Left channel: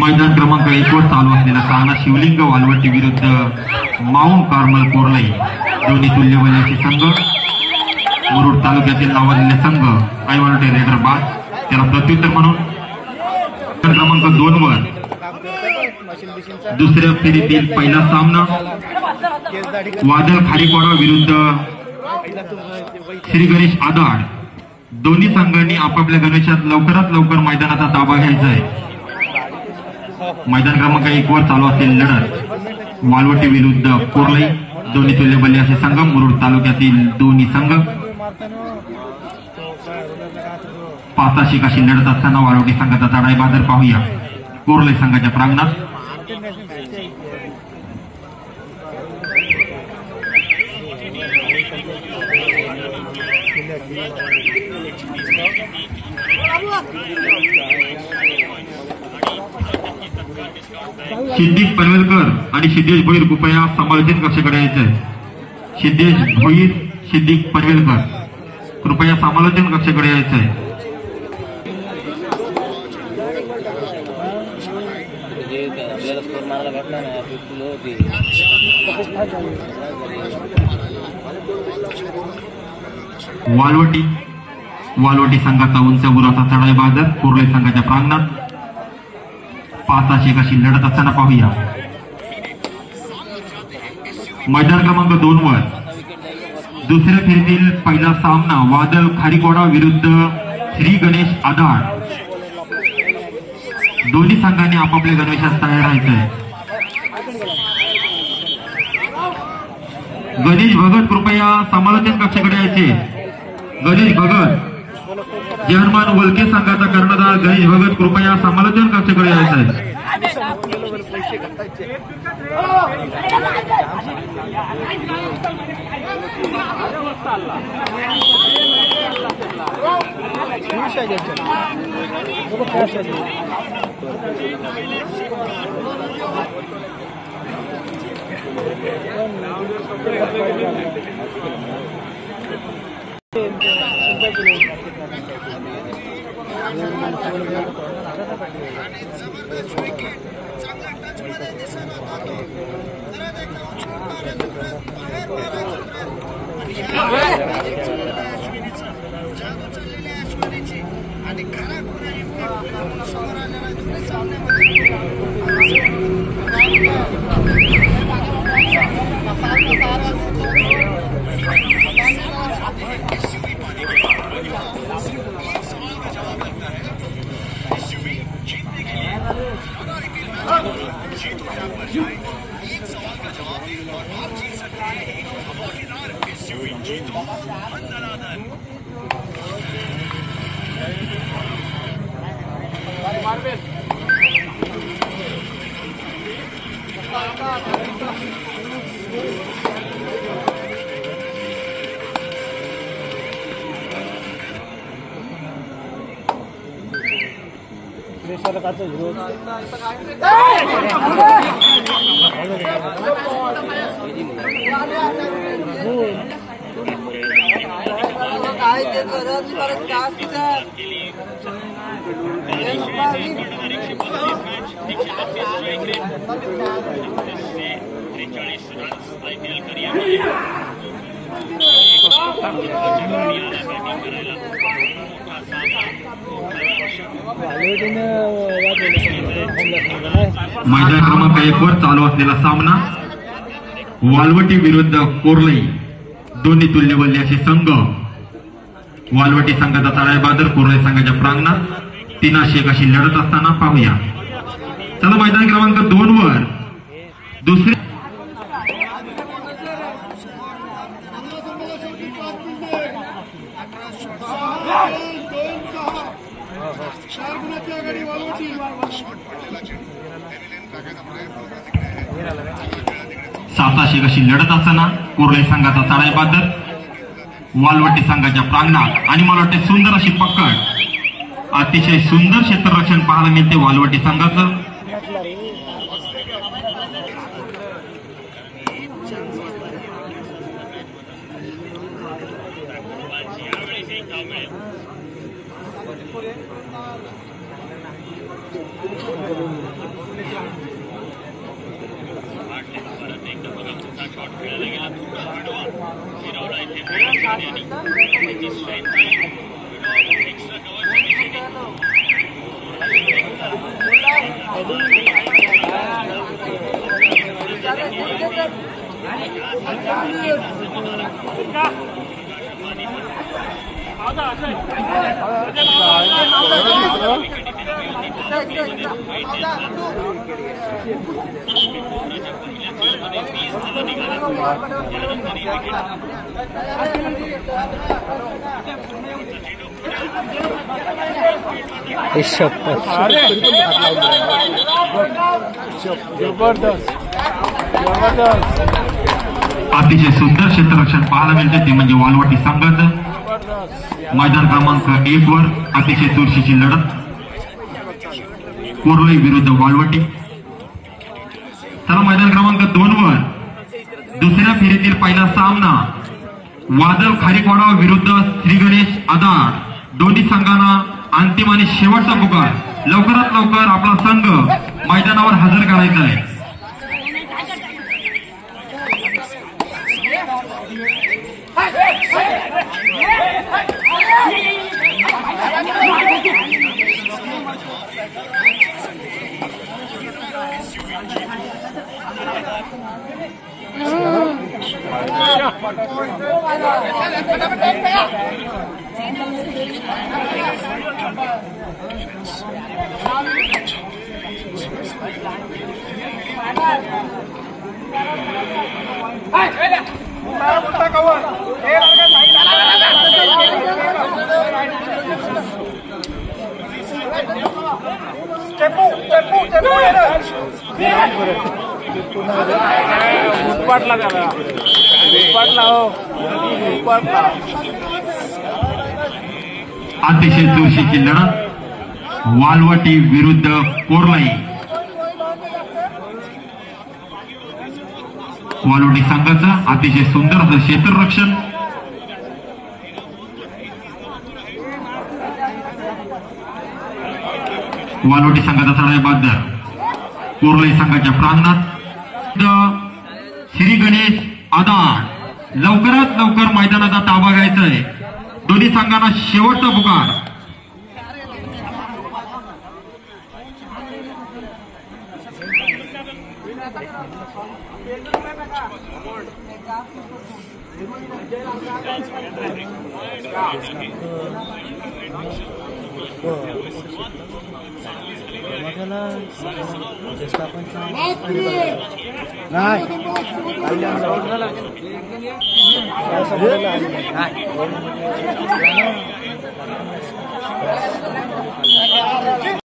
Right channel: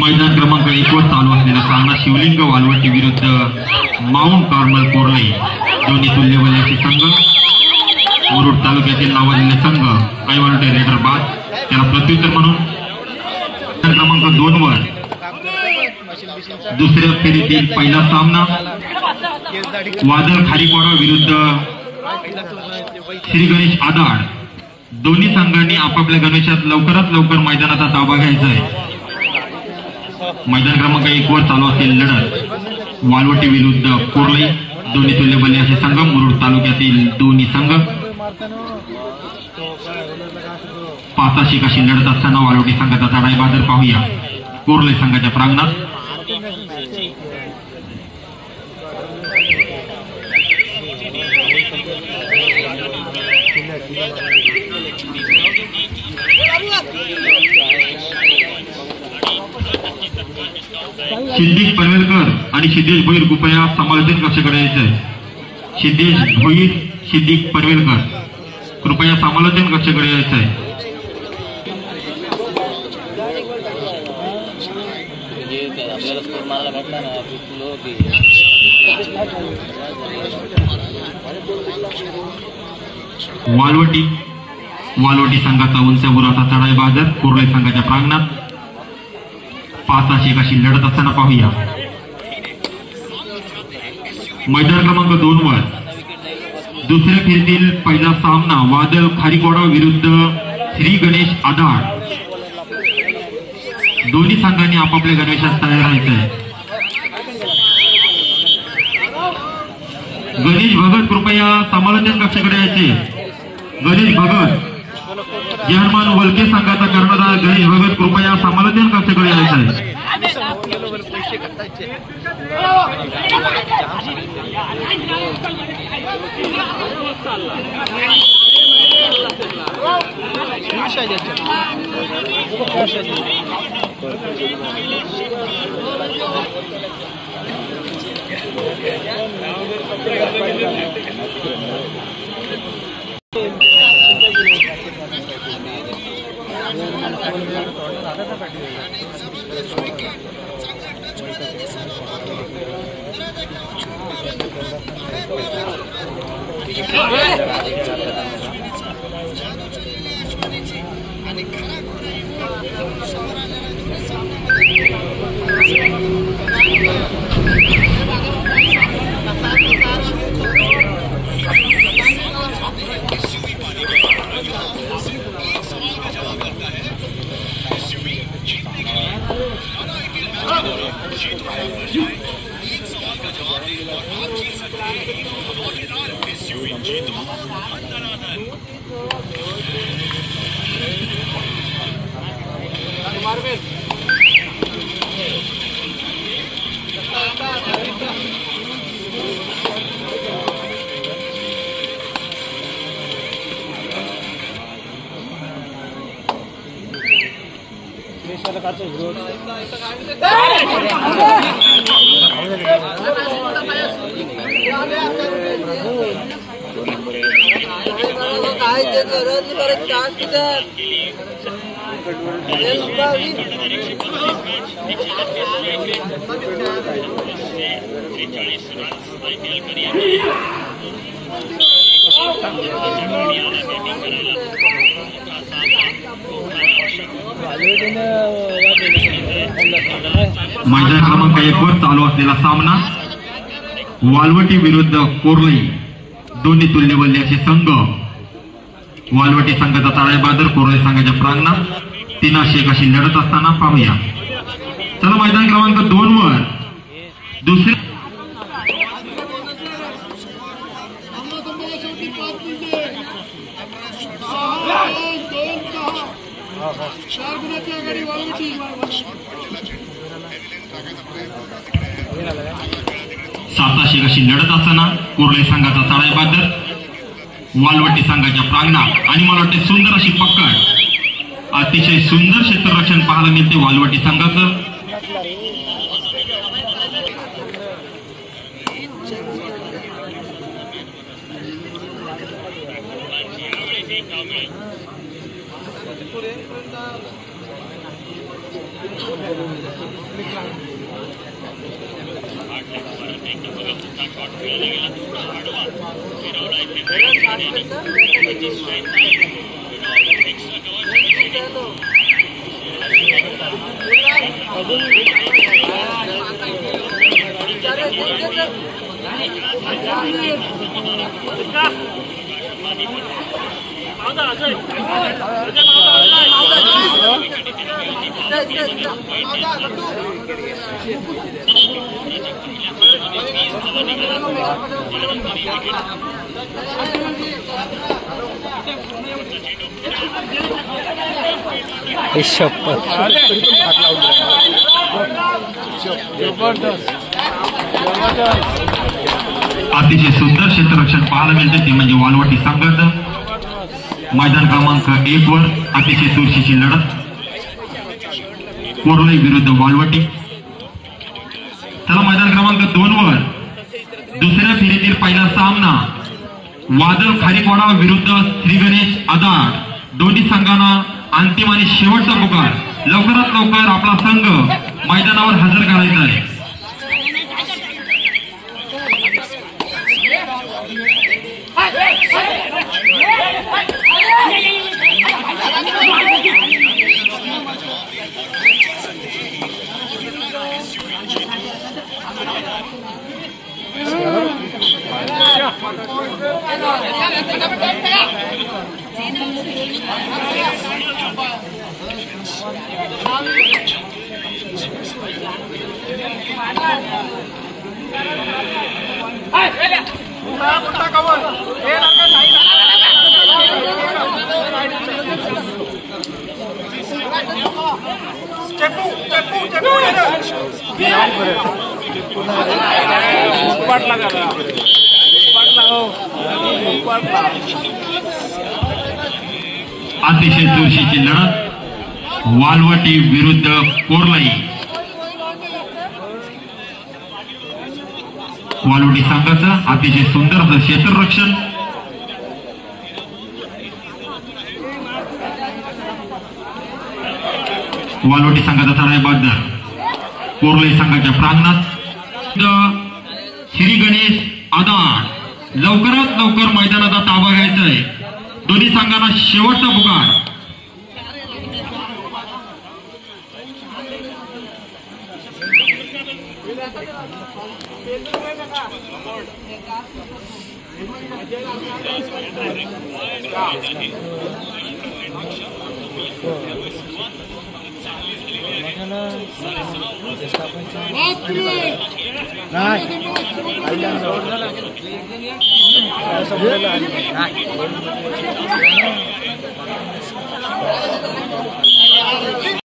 मैदान क्रमांक 1 वर चालू असलेला सामना शिवलिंग वालवटी विरुद्ध माउंट कार्मल कोर्लई दोन्ही तुल्यबलाचे संघ. मुरुड तालुक्यातील नावाजलेले संघ ऐवालटे रेडर बाद त्याला प्रत्युत्तर म्हणून क्रमांक 2 वर दुसऱ्या फेरीतील पहिला सामना वादळ खारीपाडा विरुद्ध श्री गणेश आधार. दोन्ही संघांनी आपापल्या गणेशात लवकरात लवकर मैदानाचा ताबा घ्यायचा आहे. मैदान क्रमांक 1 वर चालू असलेली लढत वालवटी विरुद्ध कोर्लई दोन्ही तुल्यबल्ले असे संघ. मुरुड तालुक्यातील दोन्ही संघ पाचाशी अशी लढत असताना वालवटी संघाचा चढाई बादर पाहूया कोर्लई संघाच्या प्रांगणात. सिद्धेश पनवेलकर आणि सिद्धेश भोईर कृपया समालोचन कक्षाकडे यायचं आहे. सिद्धेश भोईर सिद्दीक पनवेलकर कृपया समालोचन कक्षाकडे यायचं आहे. वालवटी संघाचा उंच उराचा चढाई बादर कोर्लई संघाच्या प्रांगणात पाचाशी अशी लढत असताना पाहूया मैदान क्रमांक 2 वर दुसऱ्या फेरीतील पहिला सामना वादळ खारीपाडा विरुद्ध श्री गणेश आधार. दोन्ही संघांनी आपापल्या गणवेशात तयार राहायचंय. गणेश भगत कृपया समालोचन कक्षाकडे यायचे. गणेश भगत जर्मन वलके संघाचा कर्णधार गणेश भगत कृपया समालोचन कक्षाकडे यायचं. मैदान क्रमांक 1 वर चालू असलेला सामना वालवटी विरुद्ध कोरलई दोन्ही तुल्यबल्ली असे संघ. वालवटी संघाचा ताळेबंद कोरलई संघाच्या प्रांगणात 3-1 अशी लढत असताना पाहूया. चला मैदान क्रमांक 2 वर दुसरे साताशे अशी लढत असताना कोरलई संघाचा ताळेबंद वालवटी संघाच्या प्रांगणात आणि मला वाटते सुंदर अशी पकड, अतिशय सुंदर क्षेत्ररक्षण पाहायला मिळते वालवटी संघाचं. अतिशय सुंदर क्षेत्ररक्षण पाहायला मिळते ते म्हणजे वालवटी संघाचं. मैदान क्रमांक 1 वर अतिशय चुरशीची लढत कोरलई विरुद्ध वालवटी. चला मैदान क्रमांक 2 वर दुसऱ्या फेरीतील पहिला सामना वादळ खारीकवाडा विरुद्ध श्री गणेश आधार. दोन्ही संघांना अंतिम आणि शेवटचा पुकार. लवकरात लवकर आपला संघ मैदानावर हजर करायचा आहे. अतिशय चुरशीची लढत वालवटी विरुद्ध कोरलई. वालवटी संघाचं अतिशय सुंदर असं क्षेत्ररक्षण. वालवटी संघाचा ताळेबंद कोरलई संघाच्या प्रांगणात. श्री गणेश आधार लवकरात लवकर मैदानाचा ताबा घ्यायचा आहे. दोन्ही संघांना शेवटचा पुकार.